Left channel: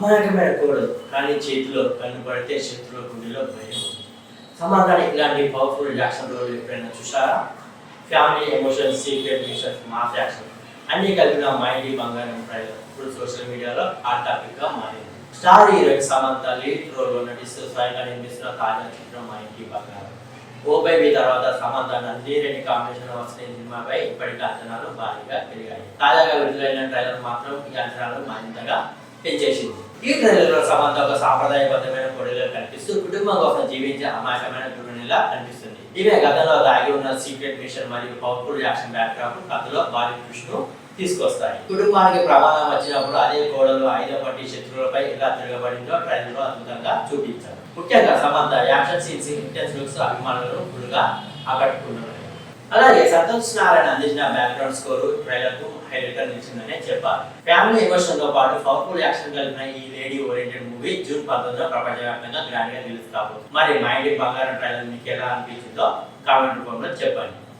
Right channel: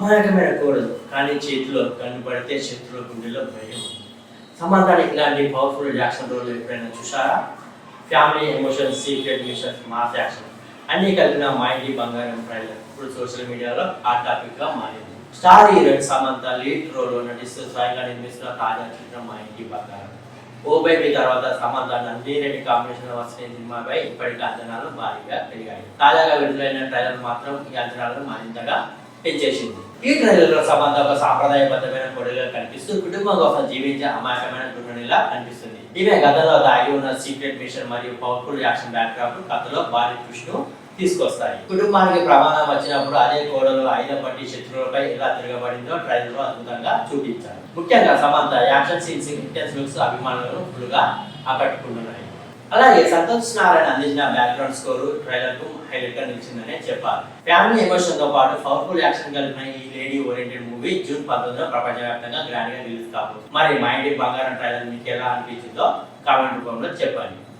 అమాయకమైన కోడలు కానీ చేతిలో కన్ను పడితే శత్రువుల గుండెలో భయం ఉంది. సమంతని ఇలాంటి పవర్ఫుల్ యాక్షన్ రోల్ ఎప్పుడైనా చూసారా? Family emotions, secret machines, mass action అన్ని కలిపిన మా ఇంటి బంగారం ట్రైలర్ ఇప్పుడు సోషల్ మీడియాలో హాట్ టాపిక్ గా మారింది. Star heroine Samantha lead role లో నటిస్తూ స్వయంగా నిర్మిస్తున్న తాజా చిత్రం మా ఇంటి బంగారం. ఓ బేబీ తర్వాత సమంత నందిరెడ్డి కాంబినేషన్ వచ్చిన సినిమాపై ఇప్పటికీ అంచనాలు భారీగా పెరిగాయి. తాజాగా విడుదలైన ట్రైలర్ మాత్రం ఈ అంచనాలను మరింతగా పెంచేసింది. ఈ ట్రైలర్ లో సమంత ఒక సాంప్రదాయబద్ధమైన కొడుగా కనిపిస్తూ కుటుంబం కోసం జీవించే అమాయకమైన గృహిణిలా కనిపిస్తుంది. ఈమె గతంలో దాగి ఉన్న సీక్రెట్ మిషన్ మరియు పవర్ఫుల్ యాక్షన్ బ్యాక్డ్రాప్ కథలో భారీ ట్విస్ట్ ను తీసుకొస్తాయి. కుటుంబానికి ప్రమాదం వచ్చినప్పుడు అదే కోడలు ఆయుధం పట్టి శత్రువులపై ఎలా తిరగబడిందో ట్రైలర్ లో అద్భుతంగా చూపించారు. ముఖ్యంగా Samantha action scenes, intense looks అభిమానులను ఫుల్గా ఆకట్టుకుంటున్నాయి. అలాగే సంతోష్ నారాయణ అందించిన బ్యాక్గ్రౌండ్ స్కోర్ ట్రైలర్ కు హైలైట్ గా నిలిచిందనే చెప్పాలి. ఫ్యామిలీ ఎమోషన్ తో పాటు పవర్ఫుల్ యాక్షన్ కలిపిన ఈ లేడీ ఓరియంటెడ్ మూవీ జూన్ 19న ప్రపంచవ్యాప్తంగా గ్రాండ్ గా రిలీజ్ కాబోతుంది. మరి మా ఇంటి బంగారం ట్రైలర్ మీకు ఎలా అనిపించిందో కామెంట్ రూపంలో చెప్పండి.